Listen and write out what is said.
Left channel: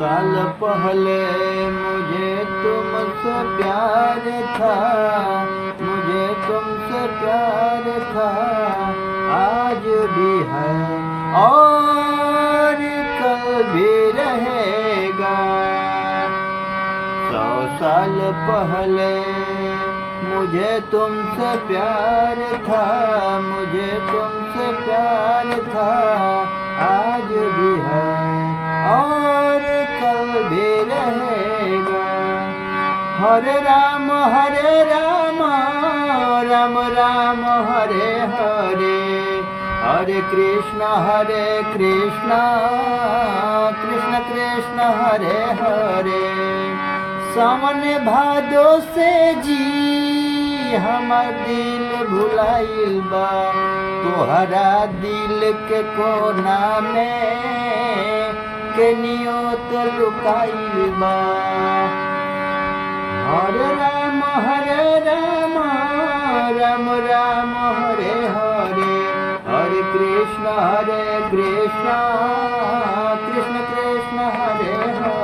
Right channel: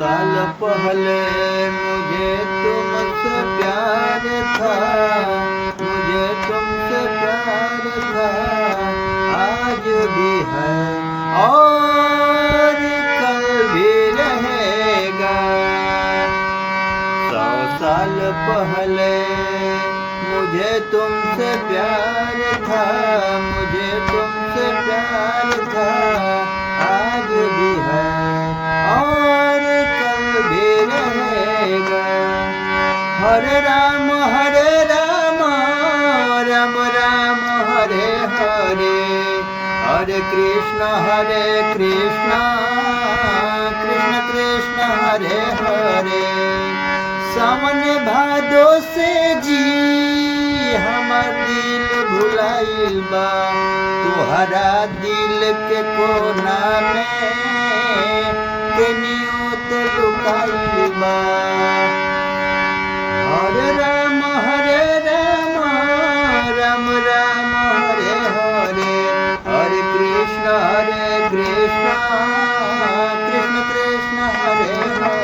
साल पहले मुझे तुमसे प्यार था, मुझे तुमसे प्यार था, आज भी है और कल भी रहेगा। 100 साल पहले मुझे तुमसे प्यार था, मुझे तुमसे प्यार था, आज भी है और कल भी रहेगा। हरे राम राम राम हरे हरे, हरे कृष्ण कृष्ण कृष्ण हरे हरे। सावन भादो से जी हमार दिल भुलाइल बा, तोहरा दिल के कोना में केनियो तो लुकाइल बा। हरे राम राम हरे हरे, हरे कृष्ण कृष्ण कृष्ण हरे हरे।